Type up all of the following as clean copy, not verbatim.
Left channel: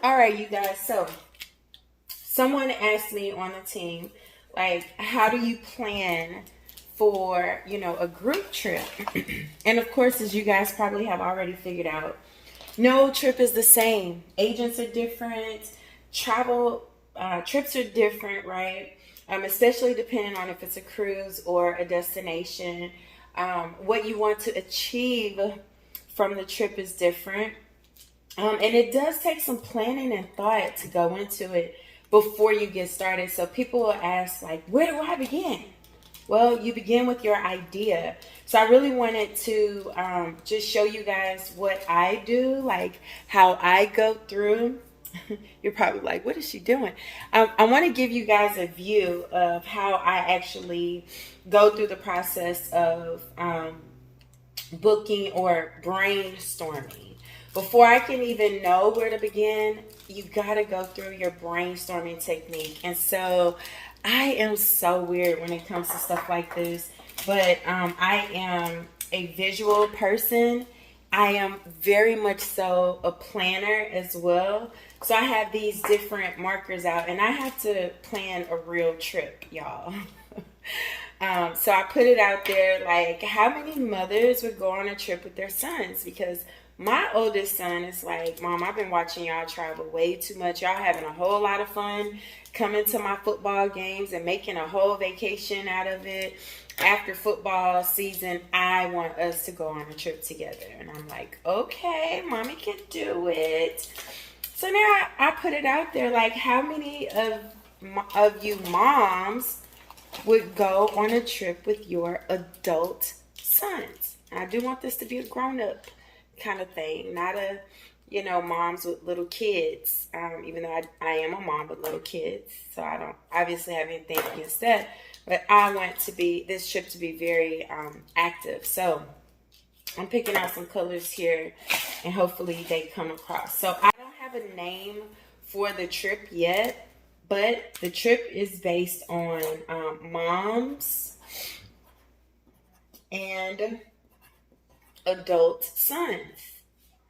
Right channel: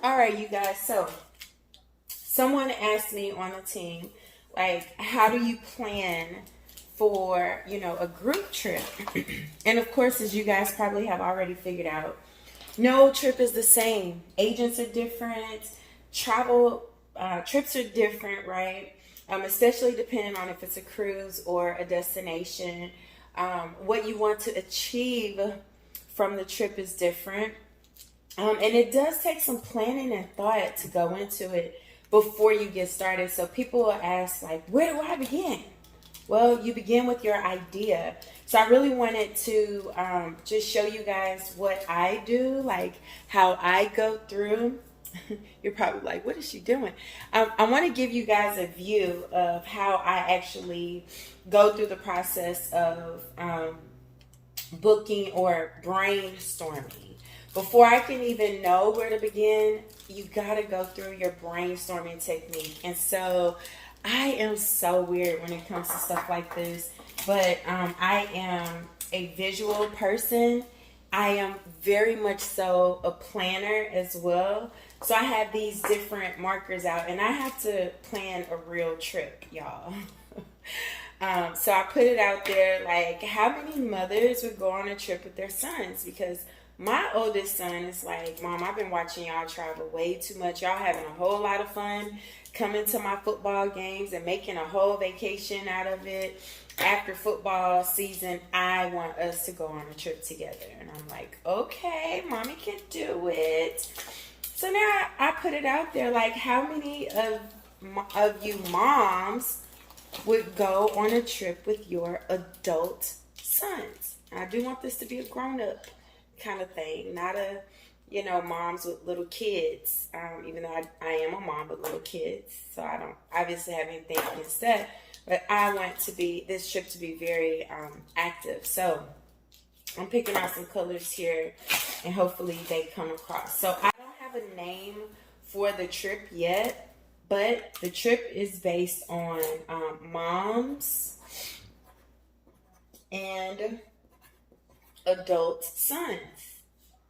All right, you guys. So, someone asked me on the team, like, how do you plan for, a group trip? And of course, as you guys probably have already figured out, no trip is the same. Agents are different. Travel trips are different, right? Especially depending on if it's a cruise or a destination. What you want to achieve from the trip is different. And it does take some planning and thought to go into it before you get started. So people will ask, like, where do I begin? Well, you begin with your idea. So I really wanted to just show you guys what I do, like how I go through. You're probably like, what is she doing? I want to give you guys a view of how I actually go through the process of booking or brainstorming. Before I can even know where to begin, you got to go through your brainstorming technique. And so I am so weird when it comes to stuff like this, but I am a visual person. I am very much so a planner as well. So I have these different markers out, and I have to plan a real trip, y'all. So I put it out there, like, how many mothers would go on a trip with their sons? Because my oldest son is like, Mom, I've been watching y'all travel way too much. Y'all having a whole lot of fun coming to my football games and making a whole vacation out of it. After football season, I want us to go on a trip together. And I'm like, okay, Mommy can do it. So now I put it out there, like, how many of you moms would go on a trip with your adult sons? And I do want this to be a grown-up kind of thing, not a, moms with little kids. Even though I am a mom with little kids, so I don't obviously have anything against that. But I want this trip to be very active. So I'm picking out some colors here, and hopefully they come across. So I don't have a name for the trip yet, but the trip is based on moms and adult sons.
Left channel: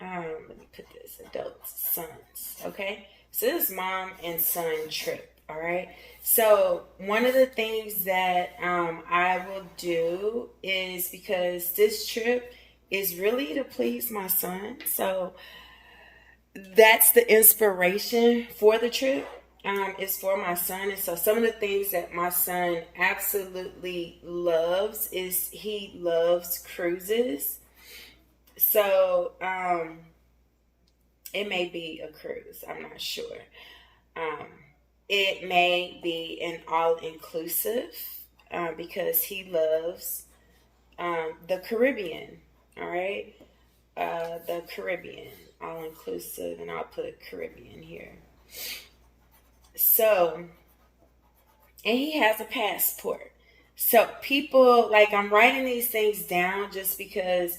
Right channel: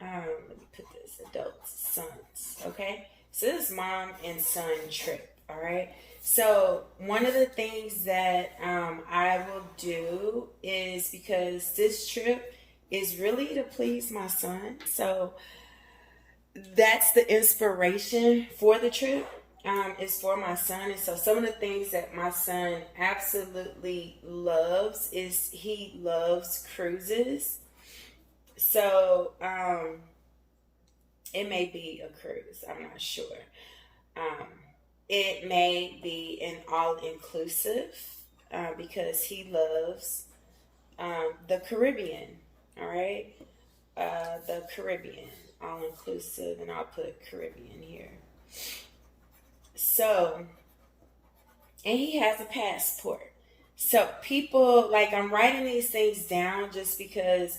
Let me put this, adult sons, okay? So this is mom and son trip, all right? So one of the things that I will do is, because this trip is really to please my son, so that's the inspiration for the trip. Is for my son. And so some of the things that my son absolutely loves is he loves cruises. So it may be a cruise, I'm not sure. It may be an all-inclusive because he loves the Caribbean, all right? The Caribbean, all-inclusive, and I'll put Caribbean here. So, and he has a passport. So people, like, I'm writing these things down just because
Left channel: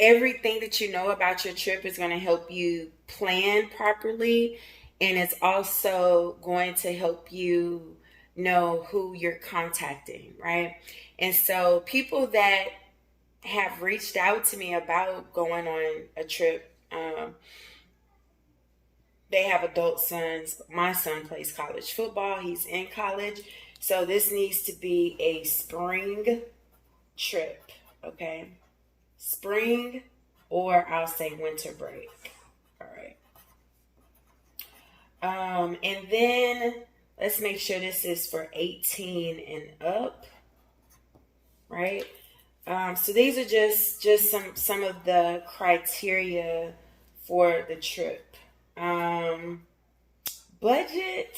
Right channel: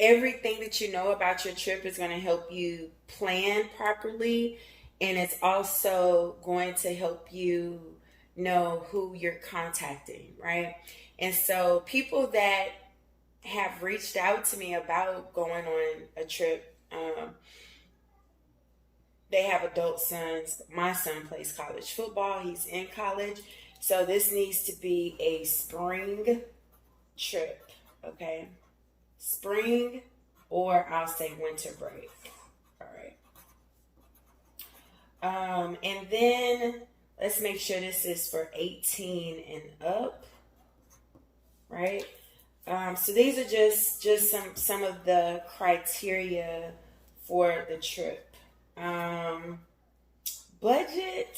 everything that you know about your trip is going to help you plan properly. And it's also going to help you know who you're contacting, right? And so people that have reached out to me about going on a trip, they have adult sons. My son plays college football. He's in college. So this needs to be a spring trip, okay? Spring, or I'll say winter break. All right. And then let's make sure this is for 18 and up, right? So these are just some of the criteria for the trip. Budget,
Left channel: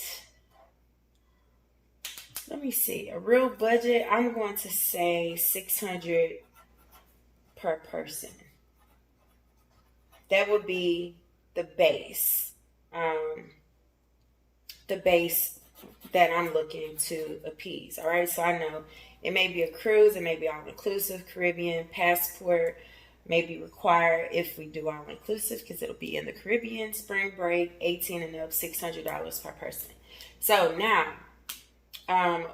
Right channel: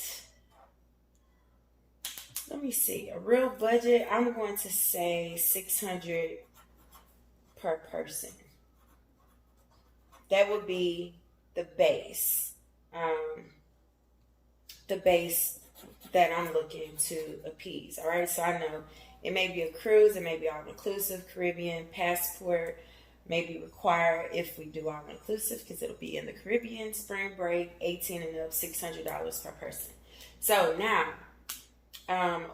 let me see, a real budget, I'm going to say $600 per person. That would be the base that I'm looking to appease. All right, so I know it may be a cruise, it may be all-inclusive, Caribbean, passport may be required if we do all-inclusive, because it'll be in the Caribbean, spring break, 18 and up, $600 per person. So now,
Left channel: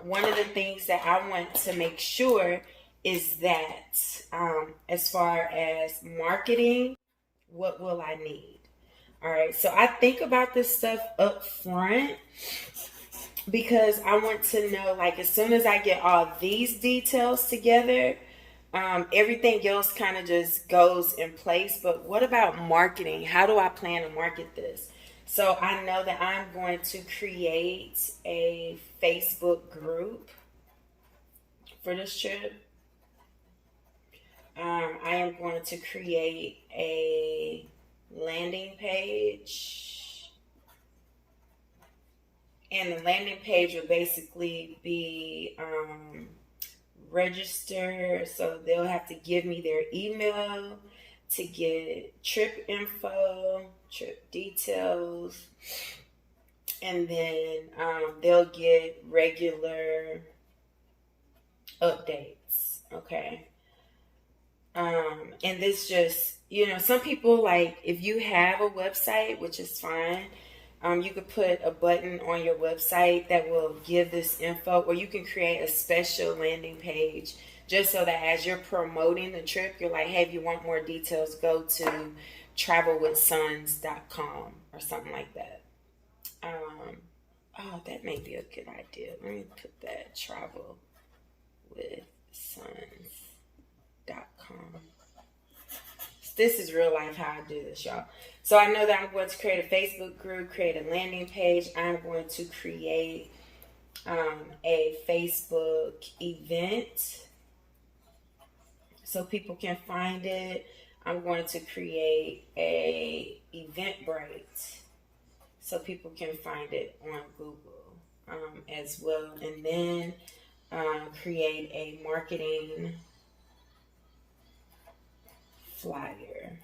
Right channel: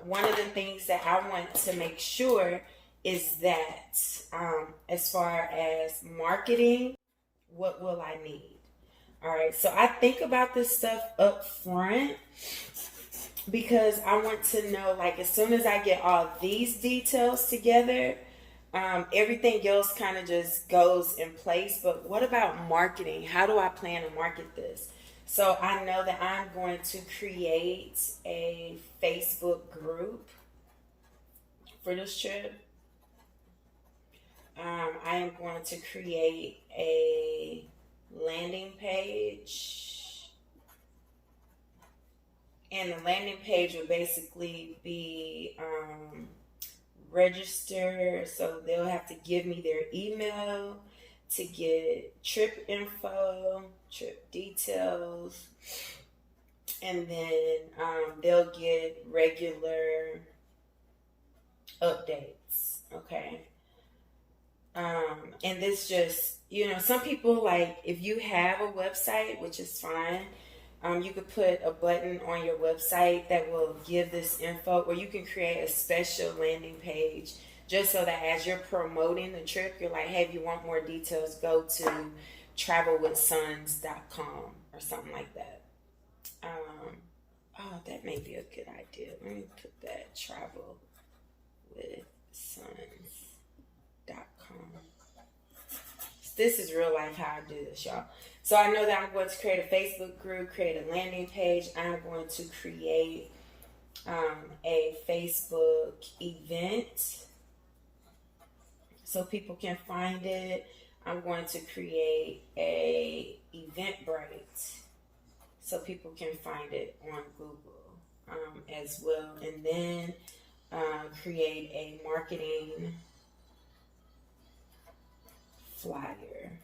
one of the things that I want to make sure is that as far as marketing, what will I need? All right, so I think about this stuff up front because I want to know, like, as soon as I get all these details together, everything else kind of just goes in place. But what about marketing? How do I plan to market this? So I know that I'm going to create a Facebook group for this trip. I am going to create a landing page. And the landing page will basically be register. So they'll have to give me their email to get trip info, trip details, and then they'll get regular updates. Okay. And this just, some people, like, if you have a website, which is fine, you could put a button on your website that will give this info, or you can create a special landing page just so that as you're promoting the trip, you're like, hey, if you want more details, go to travelwithsons.com or something like that. Oh, that may be a good idea. Let me put that, travelwithsons.com. This is real life how I do this, y'all. So I know that I'm going to create a Facebook group, create a landing page. I'm going to create a Facebook event so people can find it. I'm going to create a Eventbrite so people can find it on Google as well. And then create a marketing flyer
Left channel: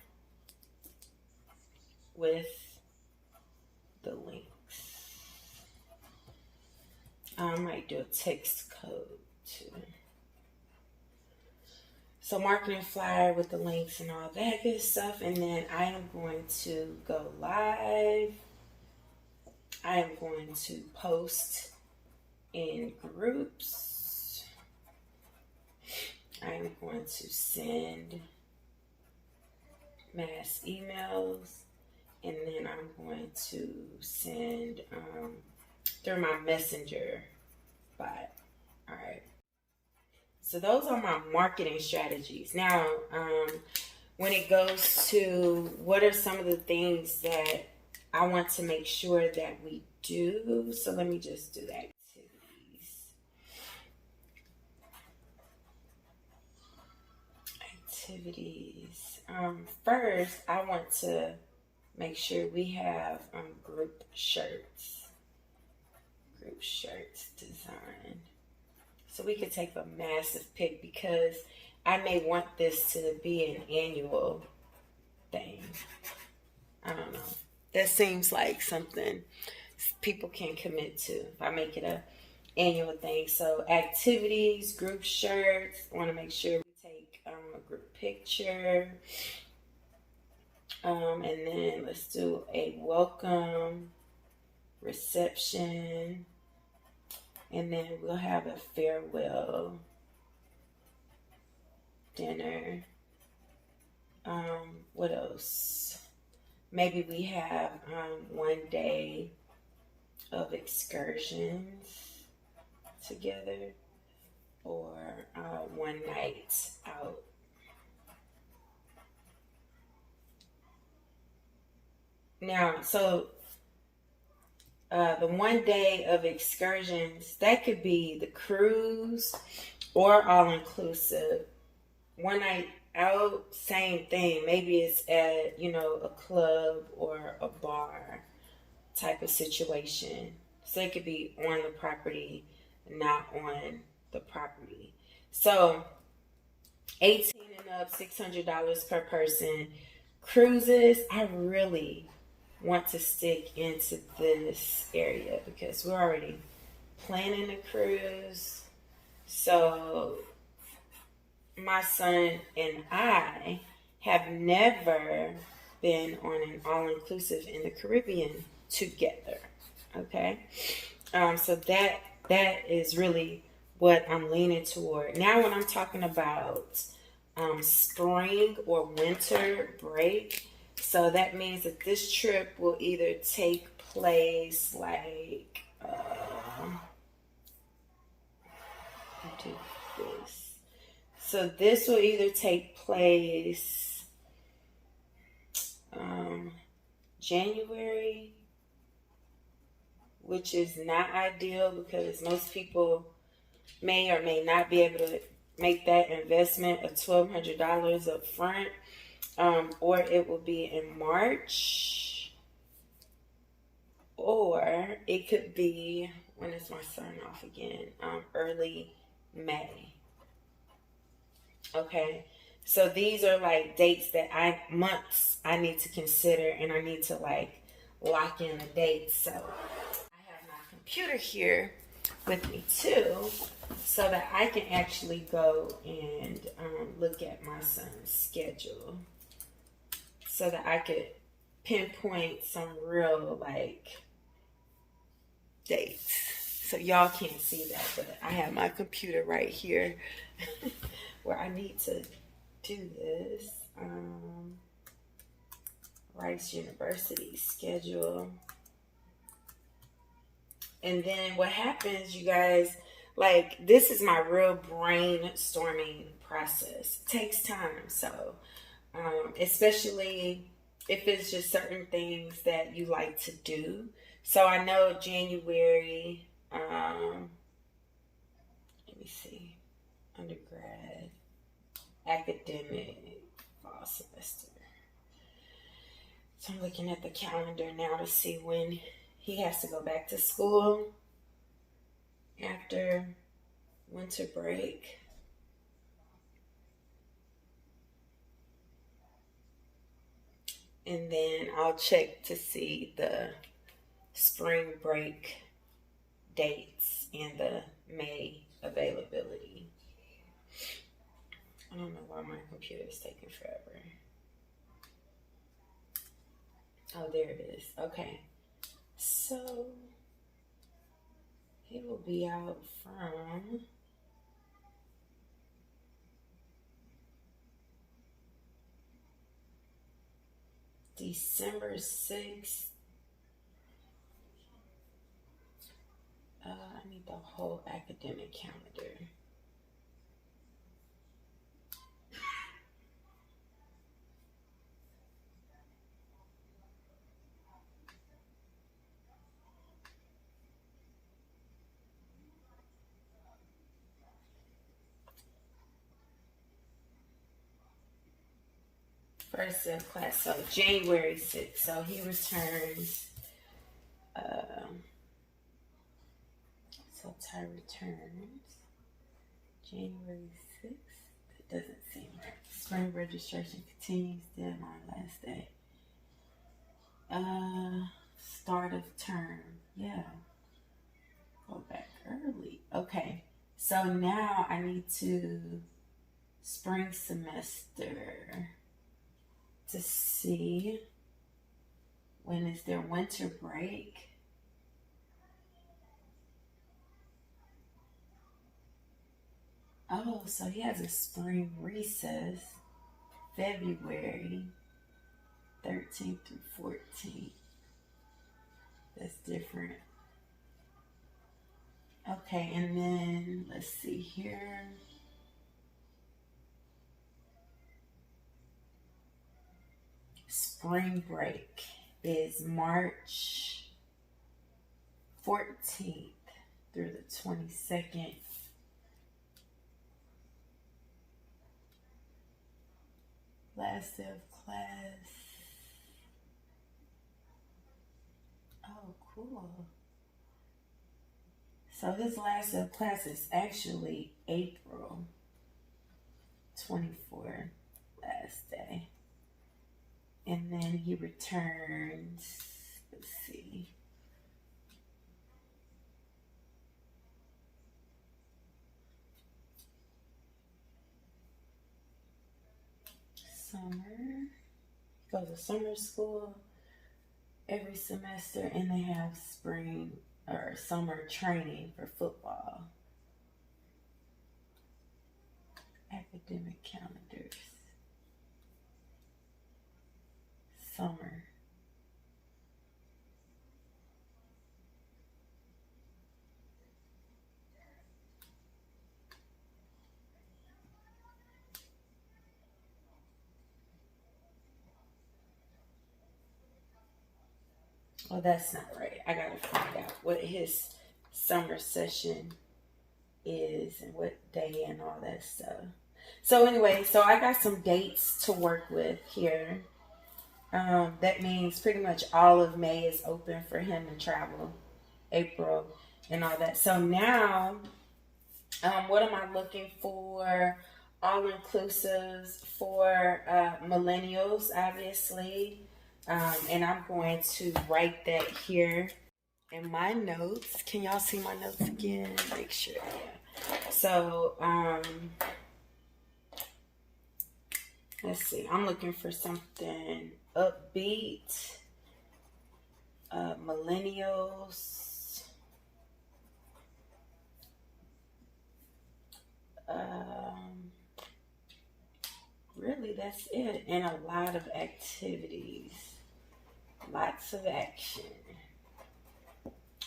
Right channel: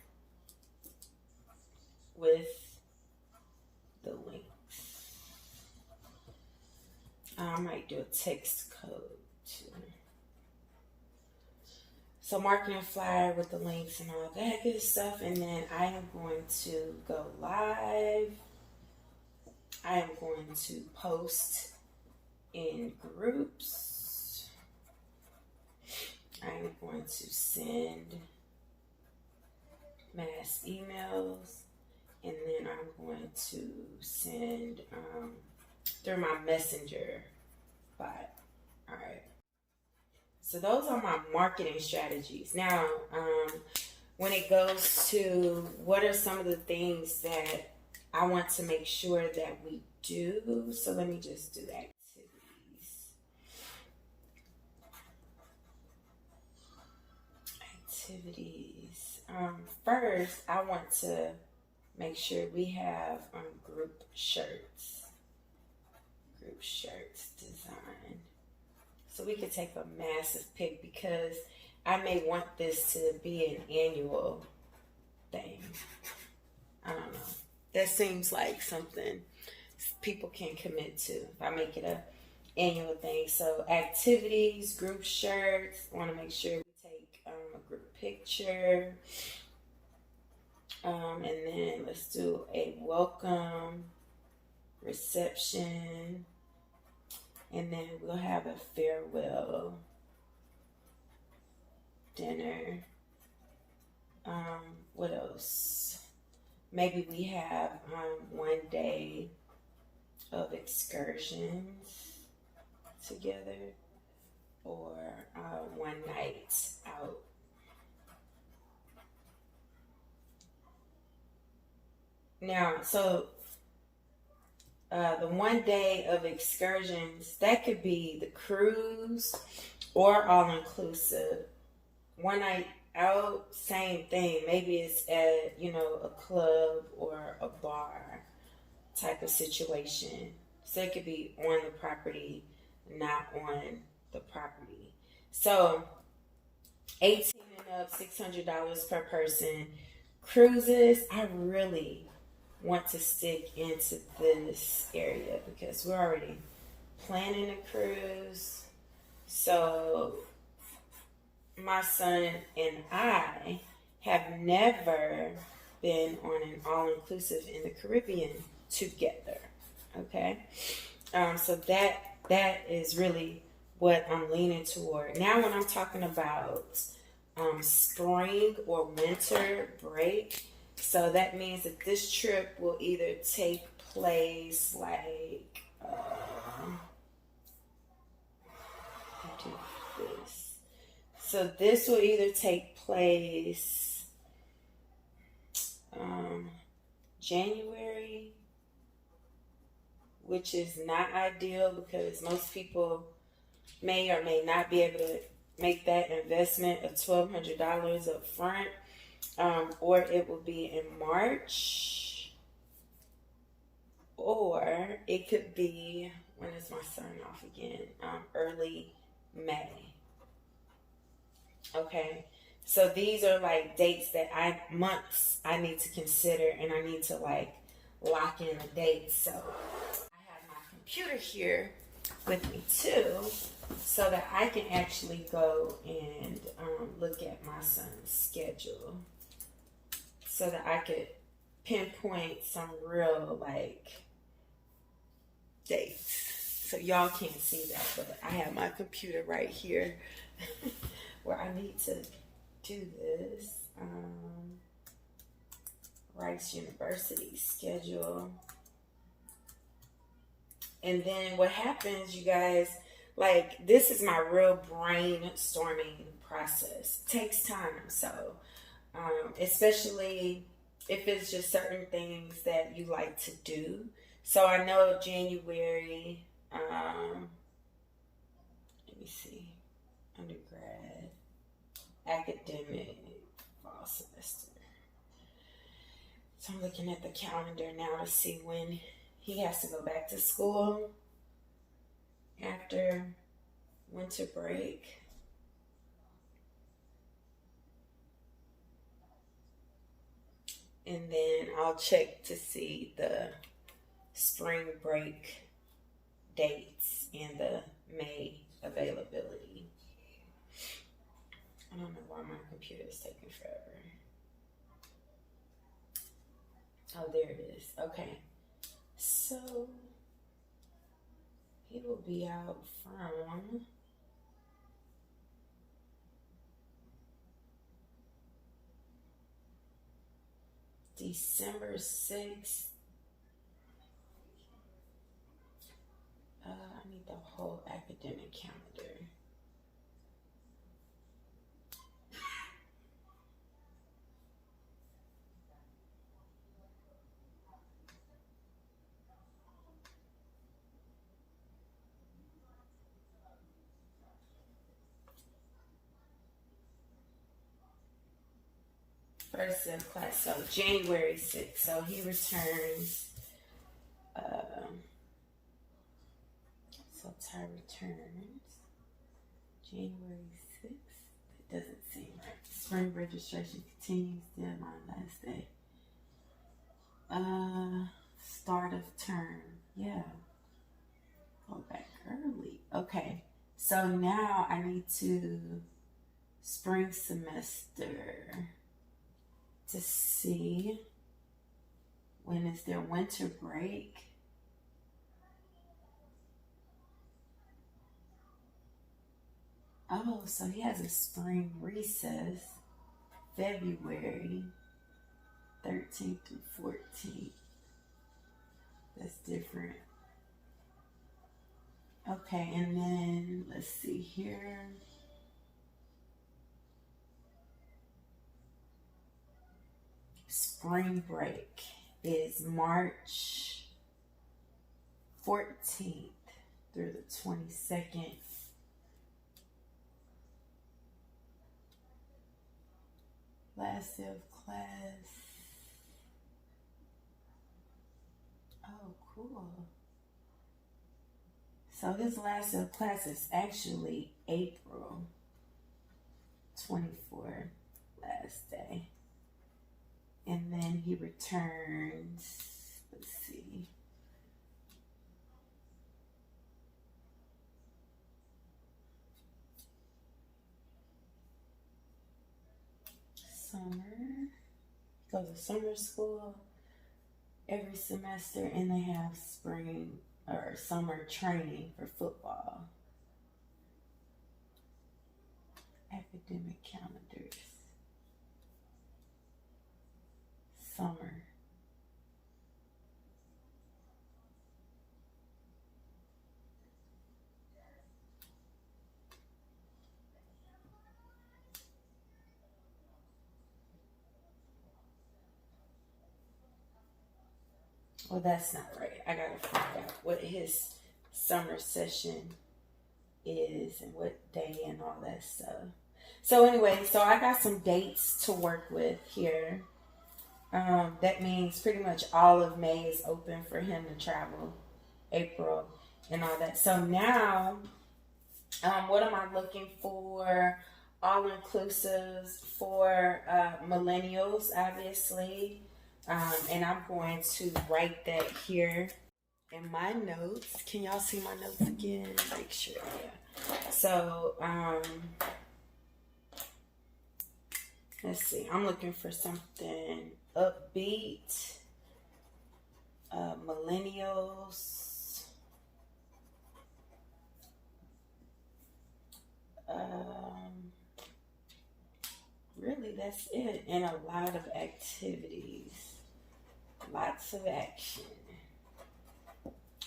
with the links. I might do a text code too. So marketing flyer with the links and all that good stuff. And then I am going to go live. I am going to post in groups. I am going to send mass emails, and then I'm going to send through my messenger bot. All right. So those are my marketing strategies. Now, when it goes to what are some of the things that I want to make sure that we do, so let me just do that. Activities. First, I want to make sure we have group shirts. Group shirts designed. So we could take a massive pic because I may want this to be an annual thing. I don't know. That seems like something people can commit to if I make it a annual thing. So activities, group shirts. I want to make sure we take a group picture. And then let's do a welcome reception. And then we'll have a farewell dinner. What else? Maybe we have one day of excursions together, or one night out. Now, so the one day of excursions, that could be the cruise or all inclusive. One night out, same thing. Maybe it's at, a club or a bar type of situation. So it could be on the property, not on the property. So 18 and up, $600 per person. Cruises, I really want to stick into this area because we're already planning a cruise. So my son and I have never been on an all-inclusive in the Caribbean together. Okay, so that is really what I'm leaning toward. Now, when I'm talking about spring or winter break, So that means that this trip will either take place like, do this. So this will either take place January, which is not ideal because most people may or may not be able to make that investment of $1,200 up front, or it will be in March, or it could be, when is my sign off again? Early May. Okay, so these are like dates that months I need to consider, and I need to like lock in the dates. So I have my computer here with me too, so that I can actually go and look at my son's schedule, so that I could pinpoint some real like dates. So y'all can't see that, but I have my computer right here where I need to do this. Rice University schedule. And then what happens, you guys, like this is my real brainstorming process. It takes time. So, especially if it's just certain things that you like to do. So I know January, let me see, undergrad, academic, fall semester. So I'm looking at the calendar now to see when he has to go back to school after winter break. And then I'll check to see the spring break dates and the May availability. I don't know why my computer is taking forever. Oh, there it is. Okay. So he will be out from December 6th. I need the whole academic calendar. First day of class, so January 6th. So he returns. So Ty returns January 6th. That doesn't seem right. Spring registration continues. Deadline last day. Start of term. Yeah. Go back early. Okay. So now I need to spring semester to see when is their winter break. Oh, so he has a spring recess, February 13th through 14th. That's different. Okay, and then let's see here. Spring break is March 14th through the 22nd. Last day of class. Oh, cool. So his last day of class is actually April 24th, last day. And then he returns, let's see. Summer. Goes to summer school every semester, and they have spring or summer training for football. Academic calendars. summer. Oh, that's not right. I gotta find out what his summer session is and what day and all that stuff. So anyway, so I got some dates to work with here. That means pretty much all of May is open for him to travel, April, and all that. So now, what am I looking for? All inclusives for millennials, obviously. And I'm going to write that here in my notes. Can y'all see my notes again? Make sure, yeah. So, let's see. I'm looking for something upbeat, millennials. Really, that's it. And a lot of activities. Lots of action.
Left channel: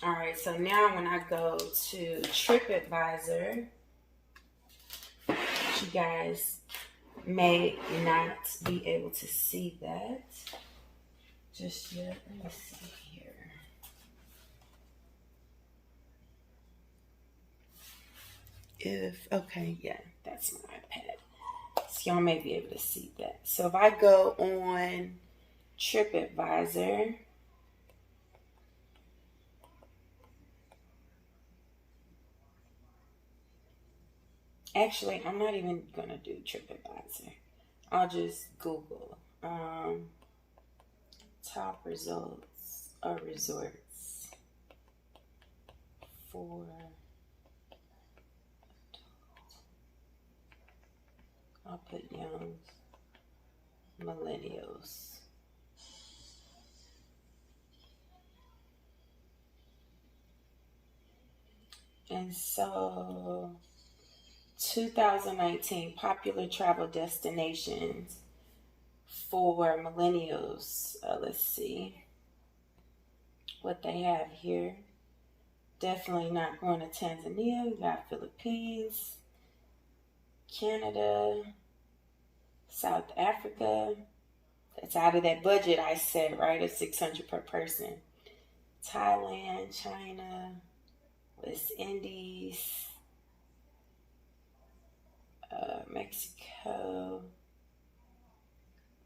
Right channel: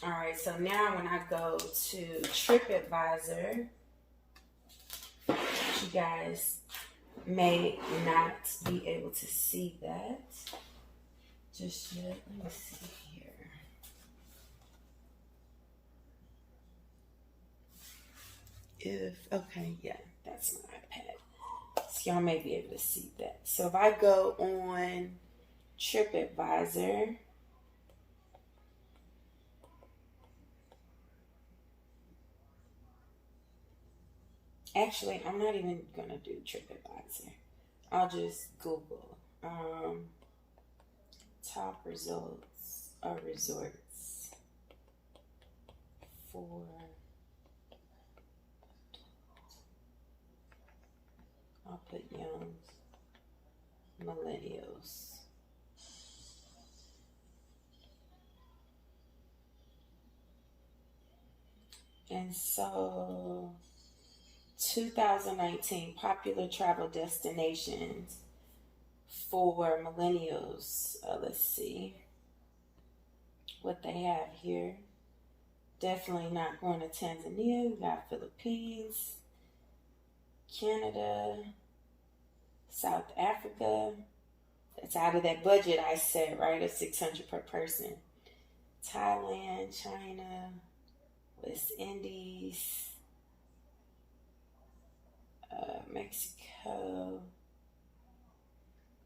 All right, so now when I go to TripAdvisor, you guys may not be able to see that just yet. Let me see here. Okay, yeah, that's my iPad. So y'all may be able to see that. So if I go on TripAdvisor, actually, I'm not even going to do TripAdvisor. I'll just Google top results of resorts for I'll put young millennials. And so 2019 popular travel destinations for millennials. Let's see what they have here. Definitely not going to Tanzania. We got Philippines, Canada, South Africa. That's out of that budget I said, right? Of $600 per person. Thailand, China, West Indies, Mexico,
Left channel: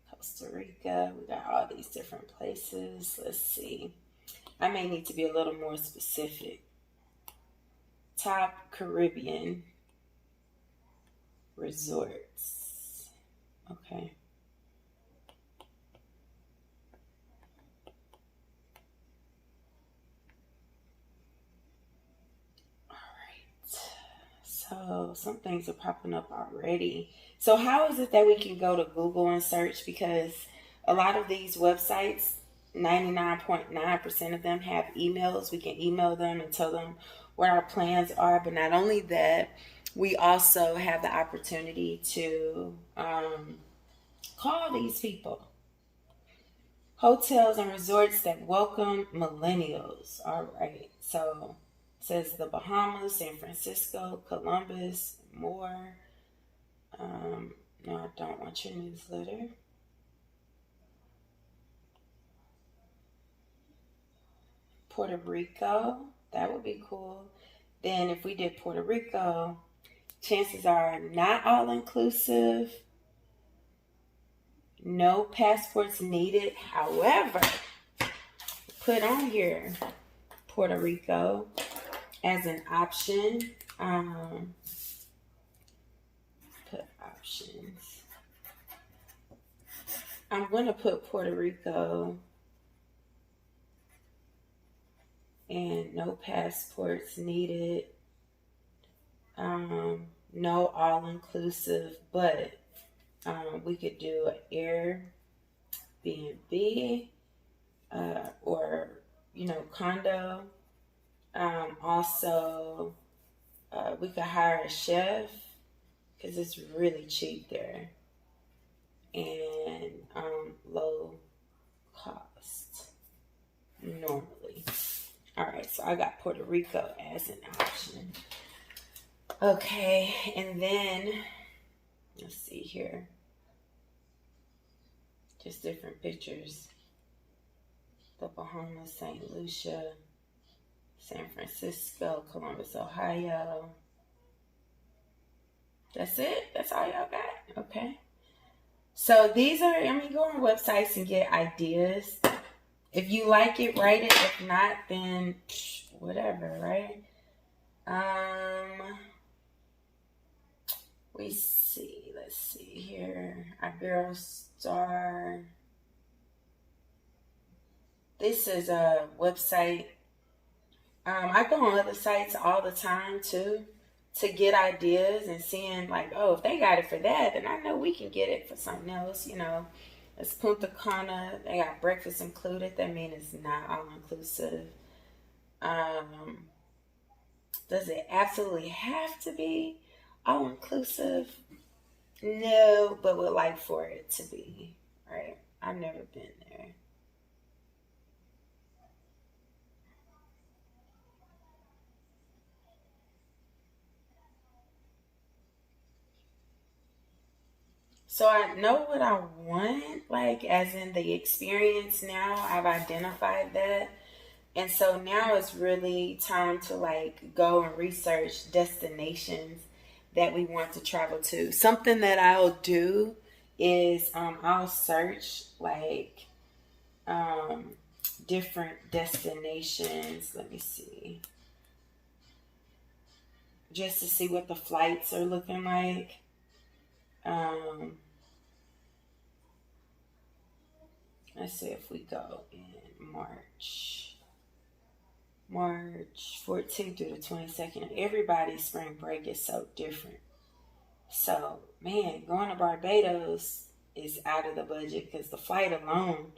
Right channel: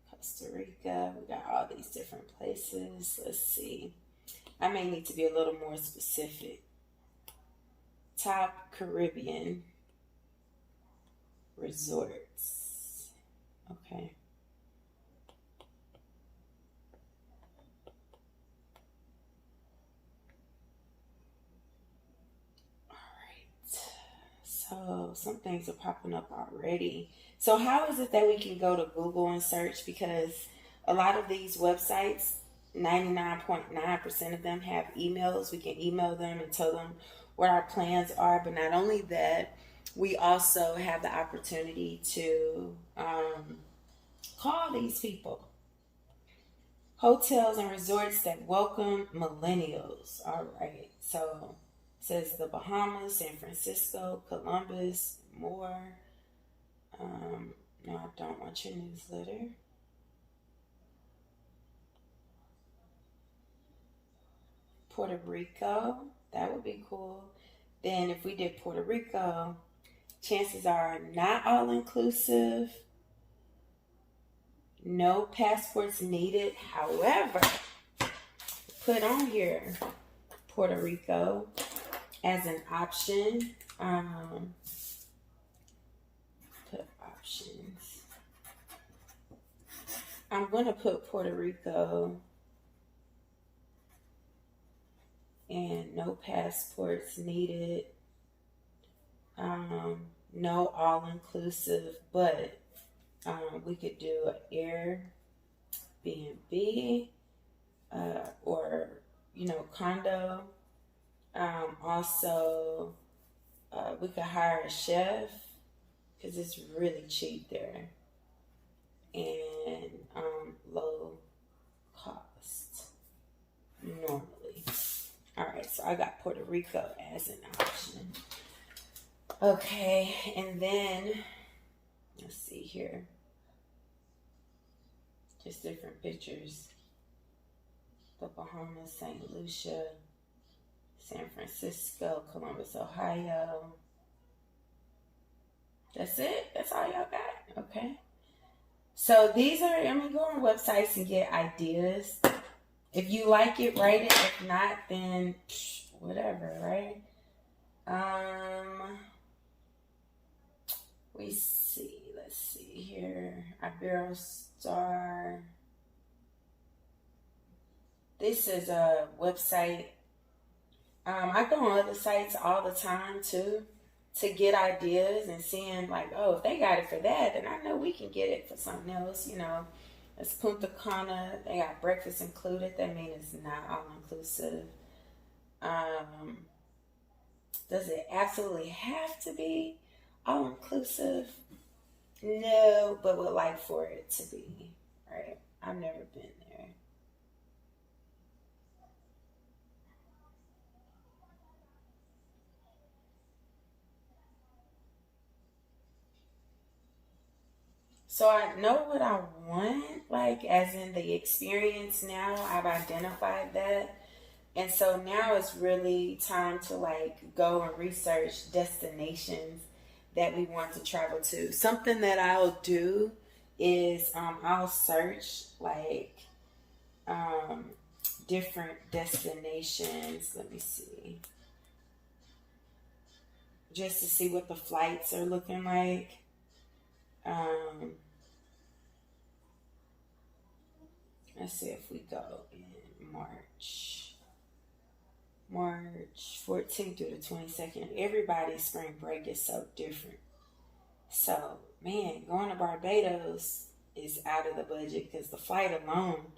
Costa Rica. We got all these different places. Let's see. I may need to be a little more specific. Top Caribbean resorts. Okay. So some things are popping up already. So how is it that we can go to Google and search? Because a lot of these websites, 99.9% of them have emails. We can email them and tell them what our plans are. But not only that, we also have the opportunity to call these people. Hotels and resorts that welcome millennials. All right. So it says the Bahamas, San Francisco, Columbus, more. No, I don't want your newsletter. Puerto Rico, that would be cool. Then if we did Puerto Rico, chances are not all inclusive, no passports needed. However, put on here Puerto Rico as an option. Put options. I'm going to put Puerto Rico and no passports needed. No all-inclusive, but we could do an Airbnb or, condo. Also, we could hire a chef because it's really cheap there and low normally. All right, so I got Puerto Rico as an option. Okay, and then let's see here. Just different pictures. The Bahamas, St. Lucia, San Francisco, Columbus, Ohio. That's it? That's all y'all got? Okay. So these are, go on websites and get ideas. If you like it, write it. If not, then whatever, right? We see. Let's see here. Iberostar. This is a website. I go on other sites all the time too to get ideas and seeing like, oh, if they got it for that, then I know we can get it for something else. It's Punta Cana. They got breakfast included. That means it's not all inclusive. Does it absolutely have to be all inclusive? No, but would like for it to be. Right? I've never been there. So I know what I want, like as in the experience now. I've identified that. And so now it's really time to like go and research destinations that we want to travel to. Something that I'll do is I'll search like different destinations. Let me see. Just to see what the flights are looking like. Let's see if we go in March 14th through the 22nd. Everybody's spring break is so different. So, man, going to Barbados is out of the budget because the flight alone,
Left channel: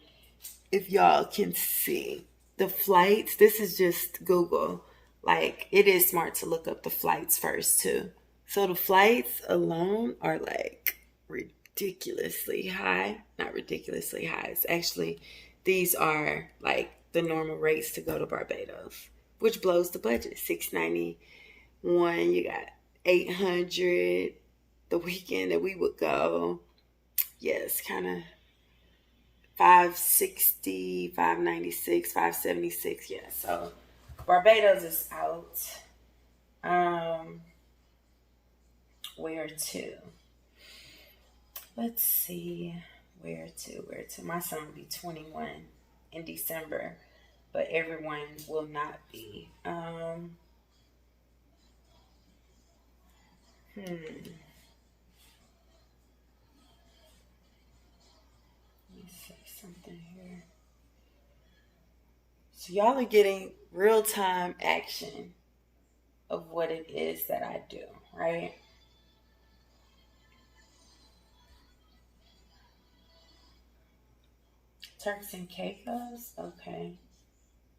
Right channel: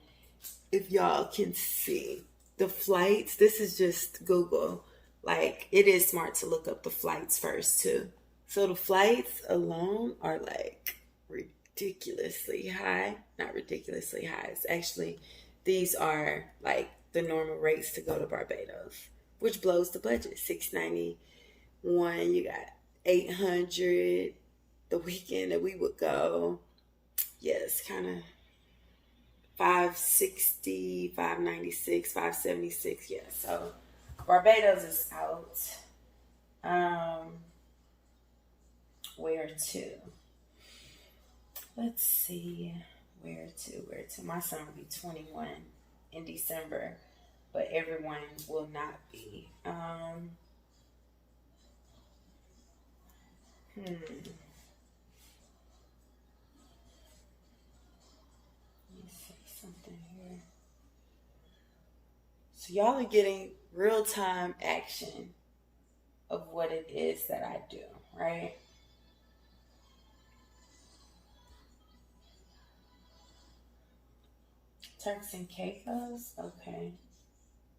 if y'all can see the flights, this is just Google. Like, it is smart to look up the flights first, too. So, the flights alone are like ridiculously high. Not ridiculously high. It's actually, these are like the normal rates to go to Barbados, which blows the budget. $691. You got $800 the weekend that we would go. Yes, kind of $560, $596, $576. Yeah, so Barbados is out. Where to? Let's see. Where to? My son will be 21 in December, but everyone will not be. Let me say something here. So y'all are getting real-time action of what it is that I do, right? Turks and Caicos? Okay.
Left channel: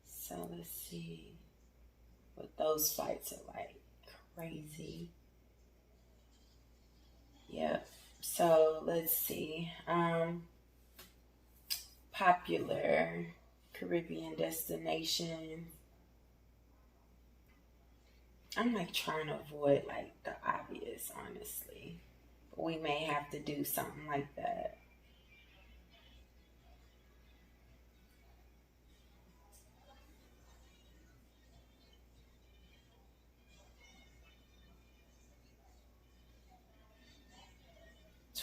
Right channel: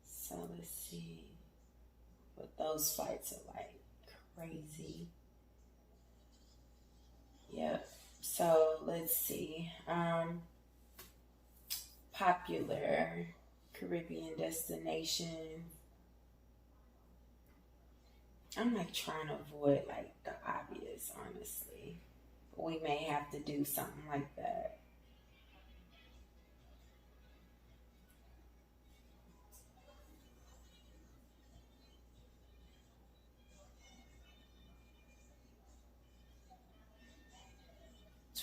So let's see what those flights are like. Crazy. Yep. So let's see. Popular Caribbean destination. I'm like trying to avoid like the obvious, honestly. We may have to do something like that.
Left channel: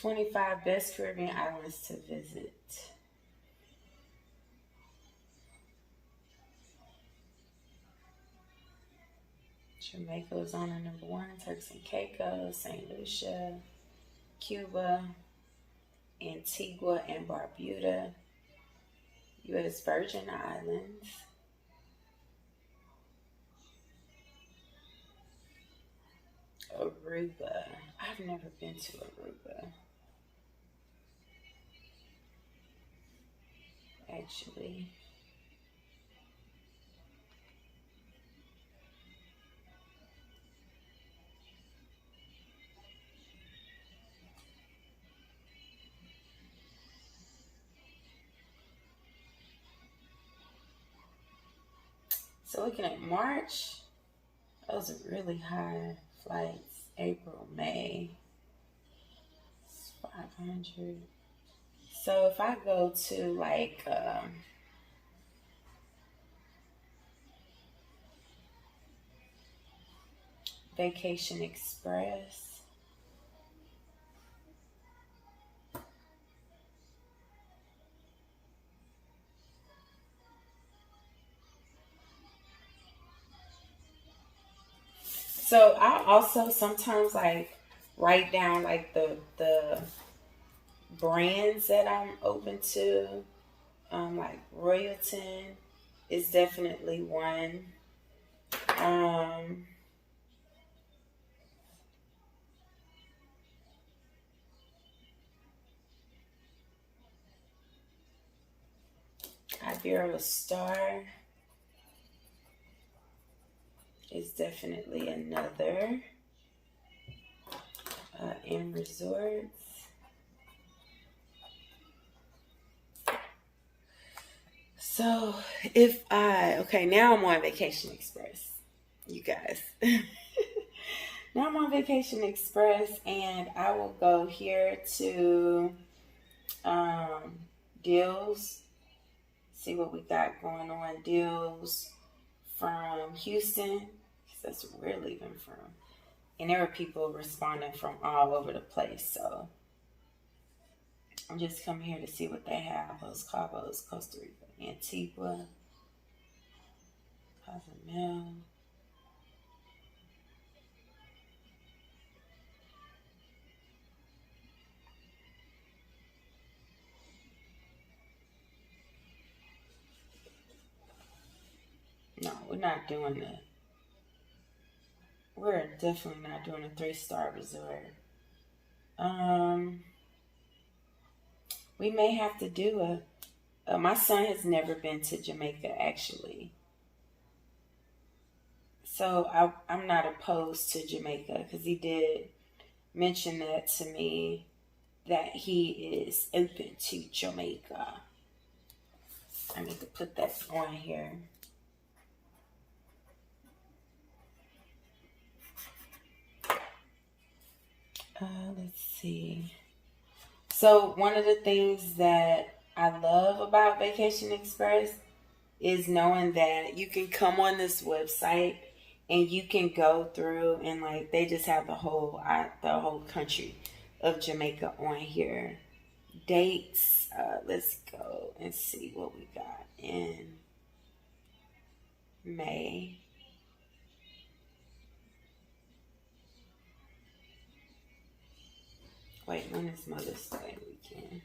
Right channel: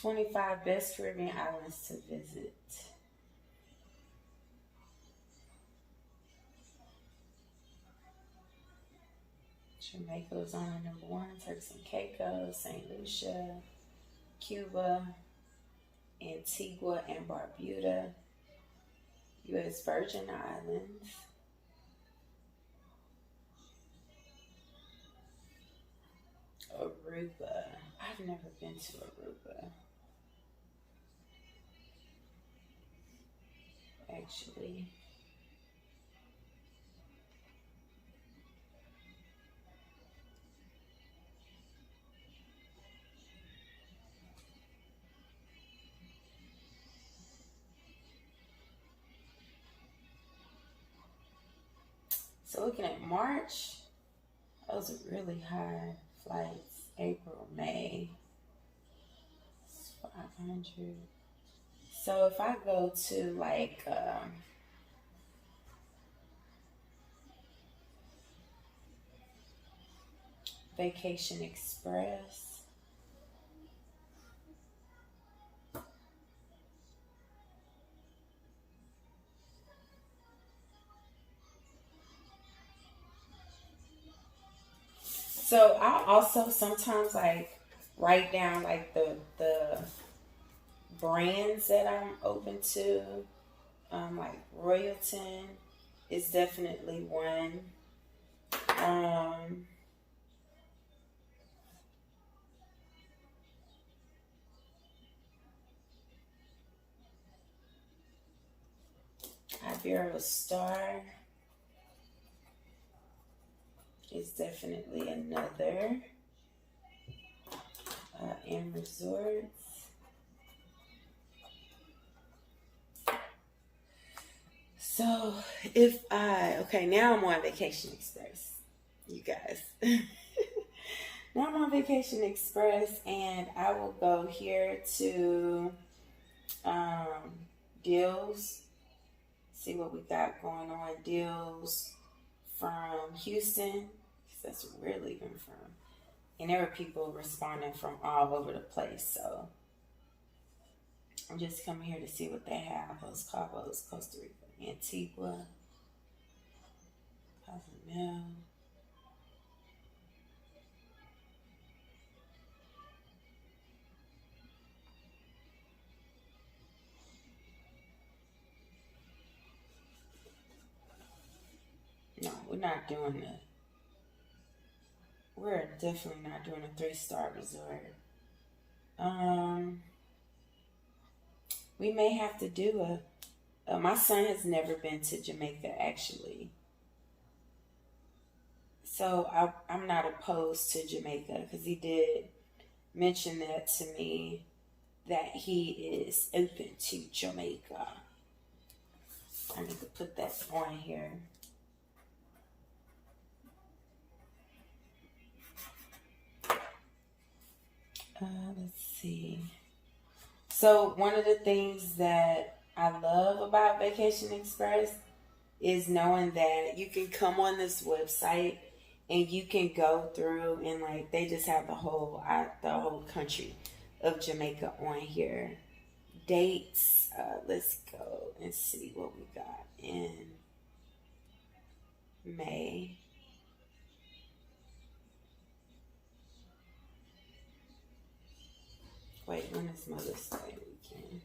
"25 best Caribbean islands to visit." Jamaica was on the number 1. Turks and Caicos, St. Lucia, Cuba, Antigua and Barbuda, U.S. Virgin Islands, Aruba. I've never been to Aruba. Actually. So looking at March, those are really high flights. April, May, it's 500. So if I go to like Vacation Express, so I also sometimes like write down like the brands that I'm open to. Like Royalton is definitely one. Um, Iberia Star is definitely another. In resorts. So if okay, now I'm on Vacation Express, you guys. Now I'm on Vacation Express, and I will go here to um, deals, see what we got going on. Deals from Houston, because that's where we're leaving from. And there are people responding from all over the place. So I'm just coming here to see what they have. Los Cabos, Costa Rica, Antigua, Cozumel. No, we're not doing that. We're definitely not doing a 3-star resort. Um, we may have to do my son has never been to Jamaica actually, so I'm not opposed to Jamaica because he did mention that to me that he is open to Jamaica. I need to put that on here. Let's see. So one of the things that I love about Vacation Express is knowing that you can come on this website and you can go through and like they just have the whole country of Jamaica on here. Dates. Let's go and see what we got in May. Wait, when is Mother's Day weekend?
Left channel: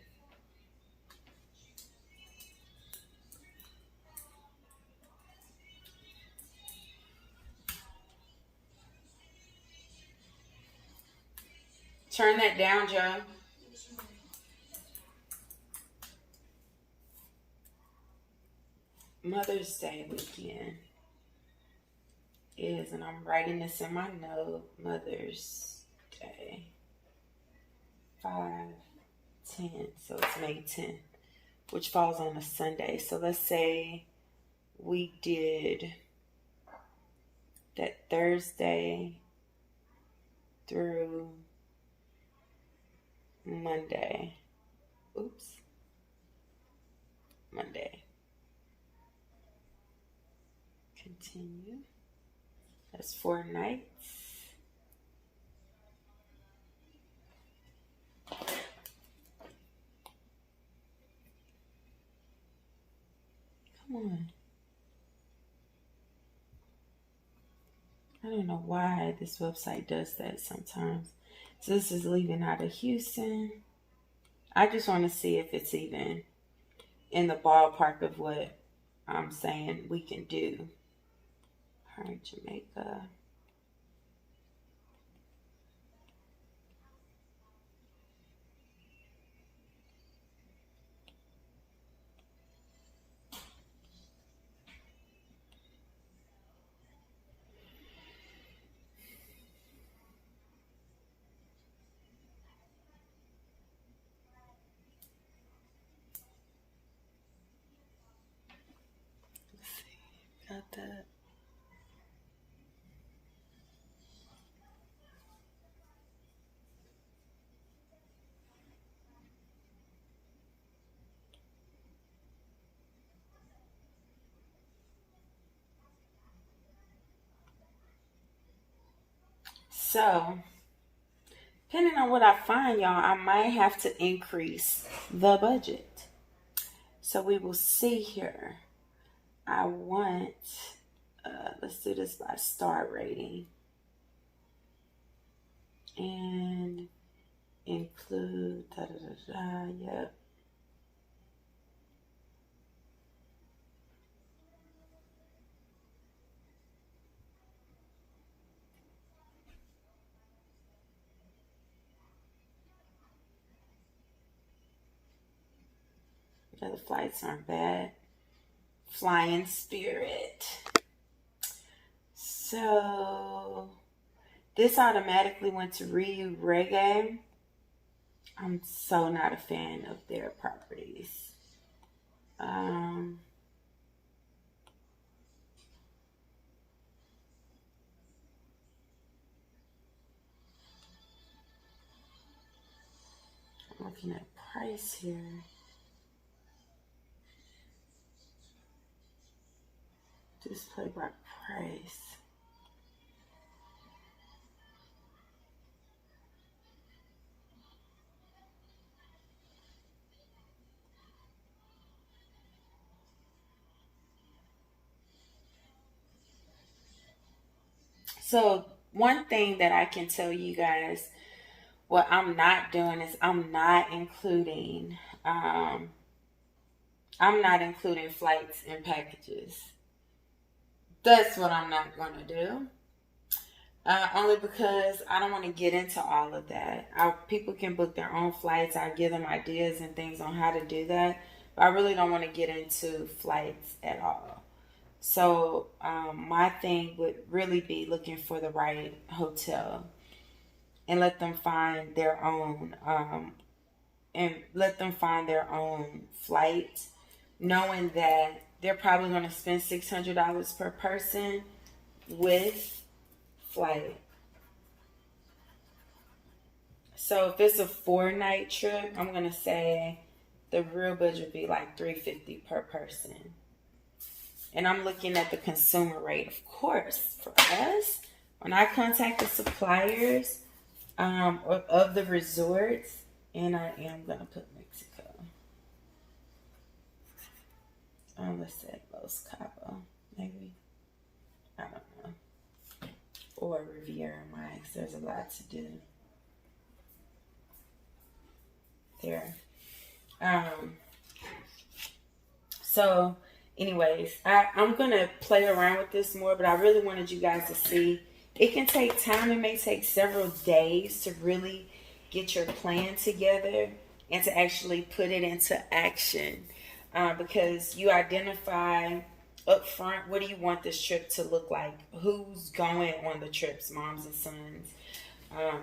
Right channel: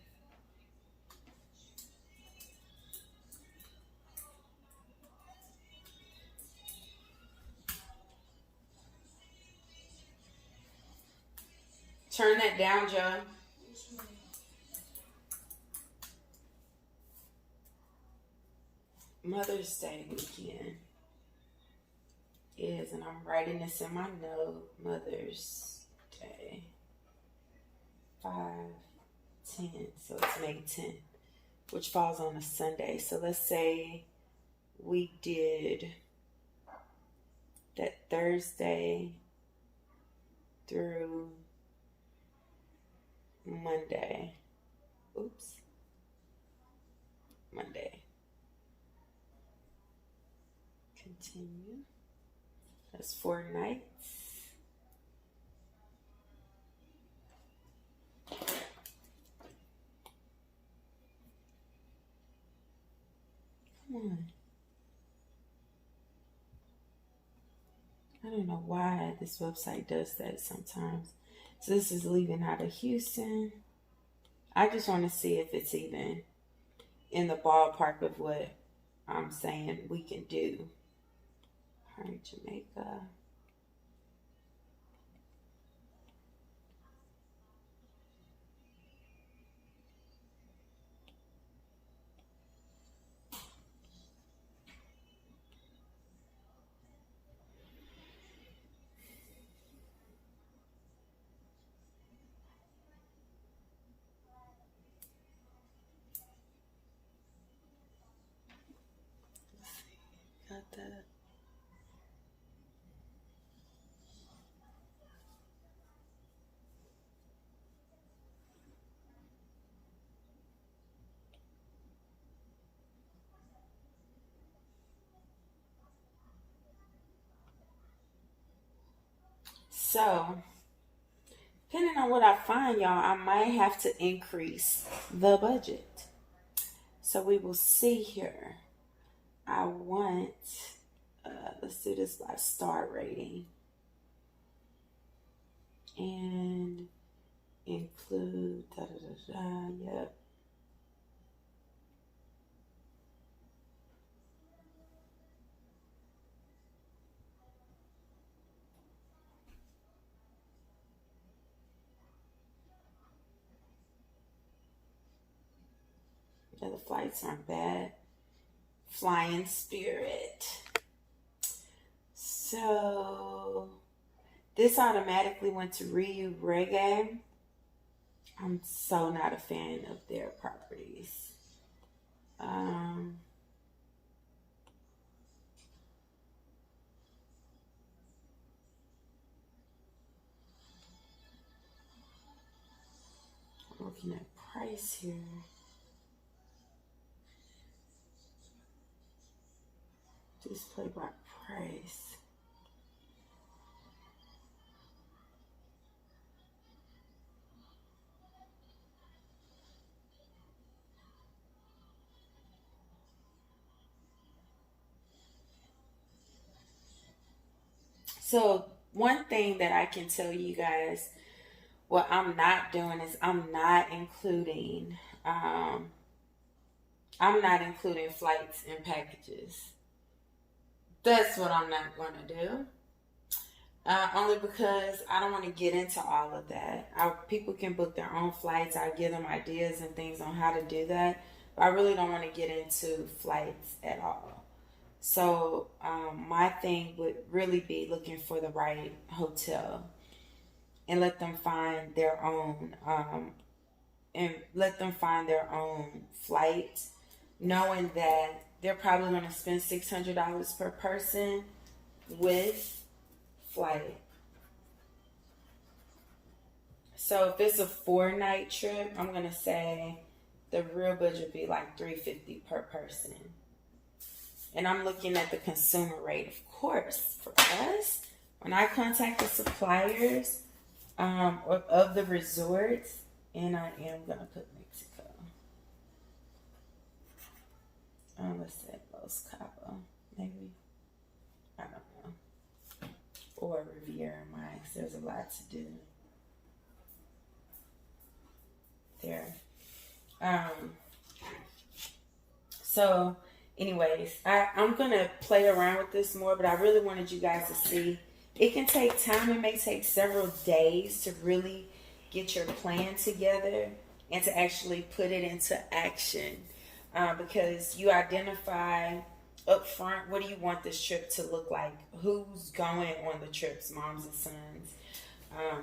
Turn that down, Joe. Mother's Day weekend is, and I'm writing this in my note, Mother's Day. 5/10, so it's May 10th, which falls on a Sunday. So let's say we did that Thursday through Monday. Oops. Monday. Continue. That's 4 nights. Come on. I don't know why this website does that sometimes. So this is leaving out of Houston. I just want to see if it's even in the ballpark of what I'm saying we can do. All right, Jamaica. Got that. So, depending on what I find, y'all, I might have to increase the budget. So we will see here. I want, let's do this by star rating. And include, yep. Yeah, the flights aren't bad. Flying Spirit. So this automatically went to Ryu Reggae. I'm so not a fan of their properties. Um, I'm looking at price here. Display by price. So one thing that I can tell you guys, what I'm not doing is um, I'm not including flights and packages. That's what I'm not going to do. Only because I don't want to get into all of that. People can book their own flights. I give them ideas and things on how to do that. But I really don't want to get into flights at all. So my thing would really be looking for the right hotel and let them find their own flight, knowing that they're probably going to spend $600 per person with flight. So if it's a 4-night trip, I'm gonna say the real budget would be like $350 per person. And I'm looking at the consumer rate, of course, for us. When I contact the suppliers of the resorts, and I am gonna put Mexico. Let's say Los Cabos, maybe. I don't know. Or Riviera Mines. There's a lot to do there. So anyways, I'm gonna play around with this more, but I really wanted you guys to see it can take time. It may take several days to really get your plan together and to actually put it into action, because you identify up front, what do you want this trip to look like? Who's going on the trips, moms and sons?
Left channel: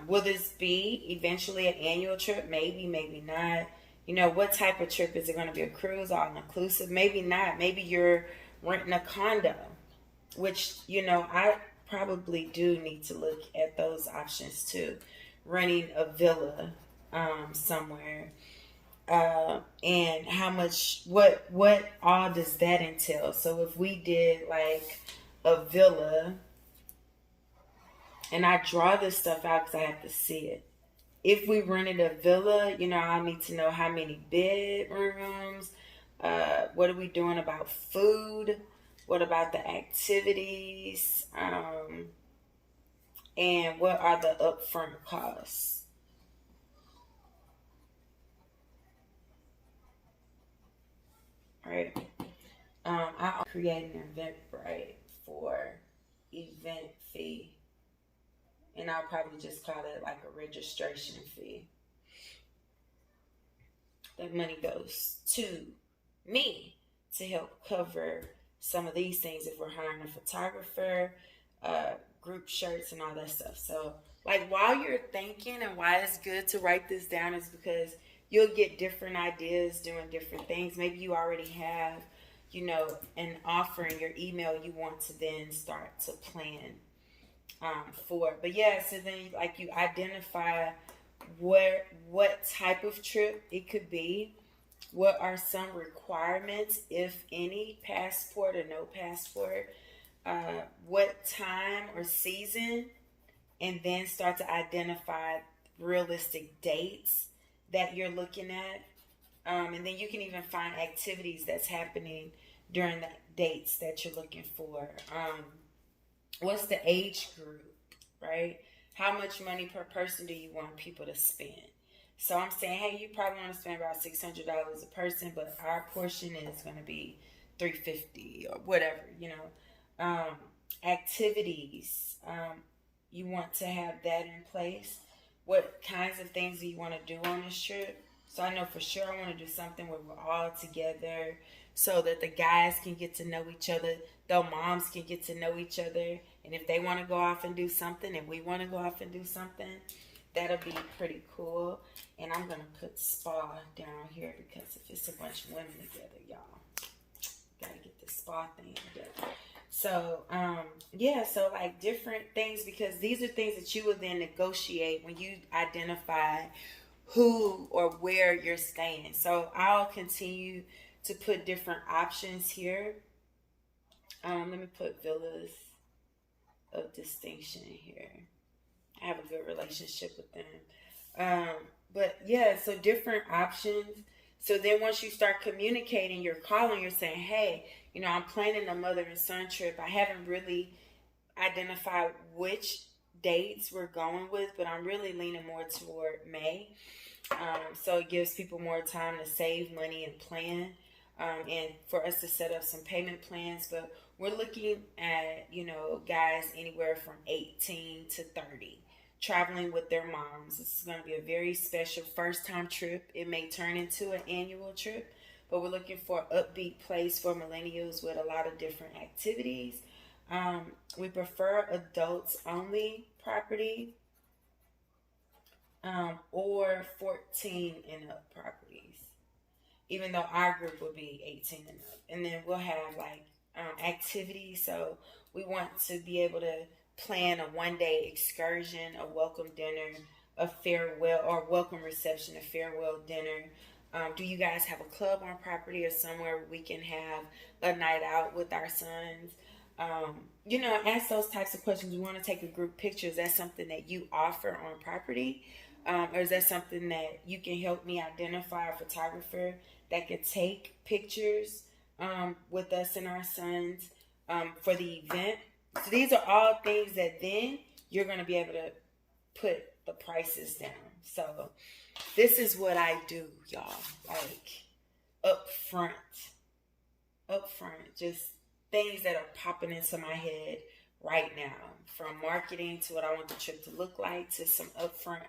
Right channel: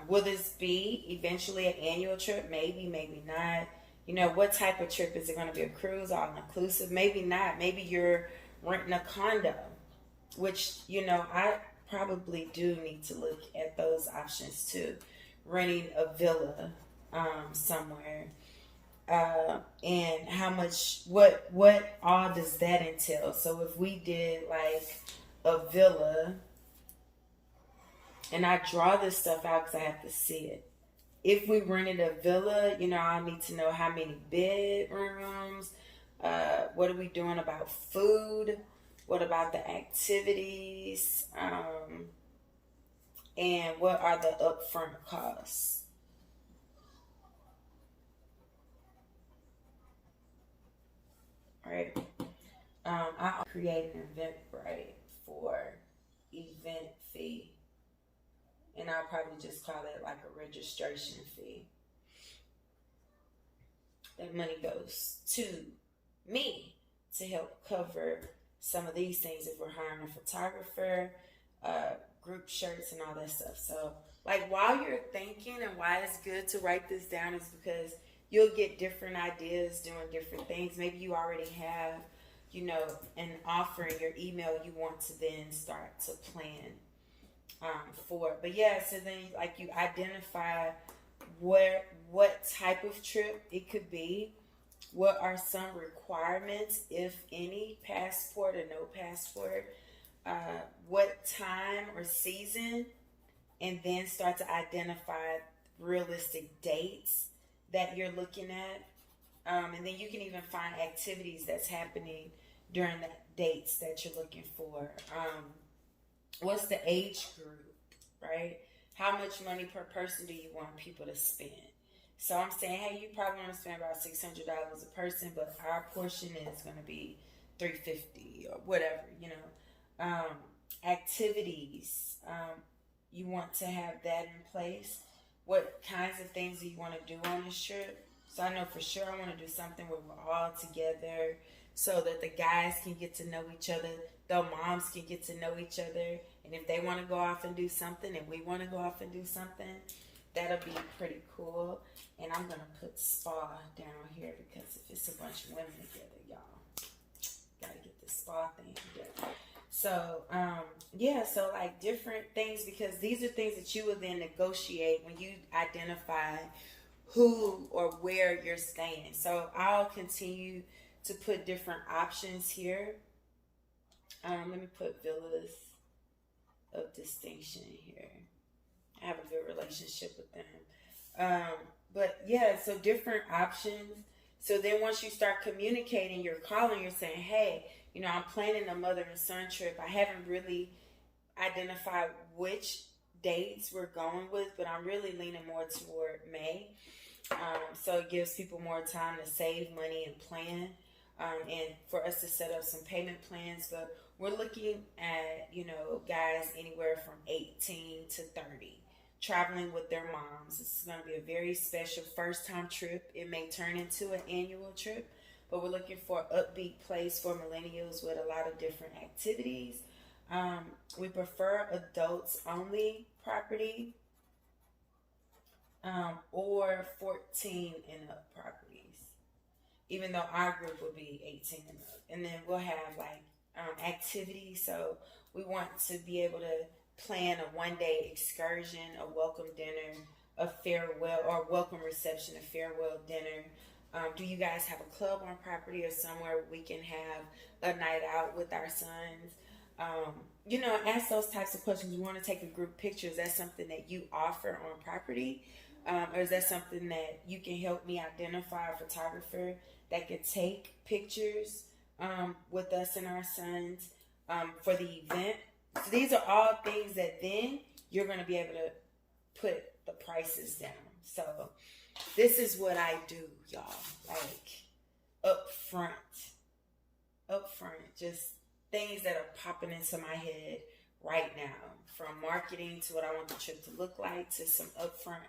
Will this be eventually an annual trip? Maybe, maybe not. You know, what type of trip is it going to be? A cruise, all inclusive? Maybe not. Maybe you're renting a condo, which, you know, I probably do need to look at those options too. Renting a villa somewhere. And how much, what all does that entail? So if we did like a villa, and I draw this stuff out because I have to see it. If we rented a villa, you know, I need to know how many bedrooms, what are we doing about food, what about the activities, and what are the upfront costs. Right? I create an Eventbrite for event fee. And I'll probably just call it like a registration fee. That money goes to me to help cover some of these things if we're hiring a photographer, group shirts, and all that stuff. So, like, while you're thinking and why it's good to write this down is because you'll get different ideas doing different things. Maybe you already have, you know, an offer in your email you want to then start to plan for. But yeah, so then like you identify what type of trip it could be, what are some requirements, if any, passport or no passport, what time or season, and then start to identify realistic dates that you're looking at. And then you can even find activities that's happening during the dates that you're looking for. What's the age group, right? How much money per person do you want people to spend? So I'm saying, hey, you probably want to spend about $600 a person, but our portion is going to be $350 or whatever, activities, you want to have that in place. What kinds of things do you want to do on this trip? So I know for sure I want to do something where we're all together so that the guys can get to know each other, the moms can get to know each other, and if they want to go off and do something and we want to go off and do something, that'll be pretty cool. And I'm going to put spa down here because if it's a bunch of women together, y'all, gotta get this spa thing together. So, so like different things, because these are things that you will then negotiate when you identify who or where you're staying. So I'll continue to put different options here. Let me put villas of distinction here. I have a good relationship with them. So different options. So then once you start communicating, you're calling, you're saying, hey, I'm planning a mother and son trip. I haven't really identified which dates we're going with, but I'm really leaning more toward May. So it gives people more time to save money and plan, and for us to set up some payment plans. But we're looking at, guys anywhere from 18 to 30. Traveling with their moms. This is going to be a very special first-time trip. It may turn into an annual trip, but we're looking for an upbeat place for millennials with a lot of different activities. We prefer adults-only property or 14 and up properties, even though our group will be 18 and up. And then we'll have activities. So we want to be able to plan a one-day excursion, a welcome dinner, a farewell or welcome reception, a farewell dinner. Do you guys have a club on property or somewhere we can have a night out with our sons? Ask those types of questions. We want to take a group picture. Is that something that you offer on property? Or is that something that you can help me identify a photographer that could take pictures with us and our sons for the event? So these are all things that then you're going to be able to put the prices down. So this is what I do, y'all. Like up front, just things that are popping into my head right now, from marketing to what I want the trip to look like to some upfront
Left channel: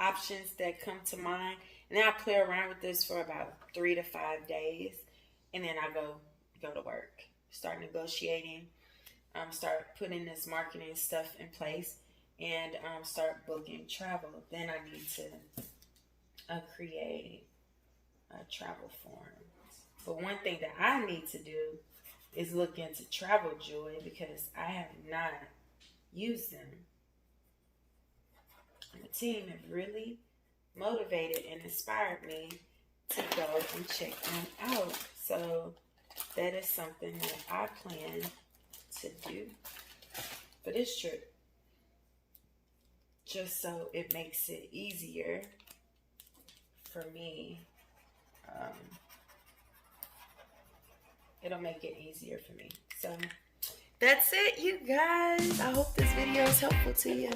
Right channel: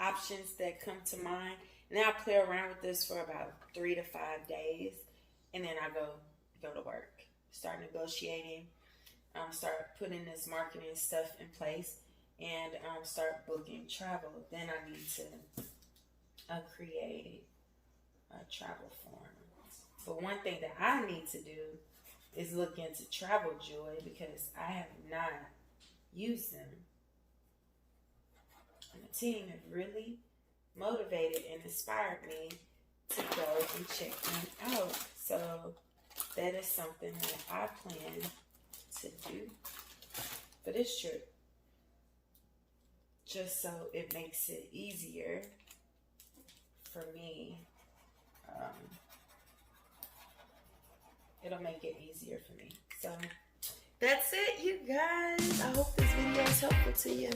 options that come to mind. And then I play around with this for about 3 to 5 days, and then I go to work, start negotiating. Start putting this marketing stuff in place, and start booking travel. Then I need to create a travel form. But one thing that I need to do is look into Travel Joy, because I have not used them. And the team have really motivated and inspired me to go and check them out. So that is something that I plan to do for this trip, just so it makes it easier for me. It'll make it easier for me. So that's it, you guys. I hope this video is helpful to you.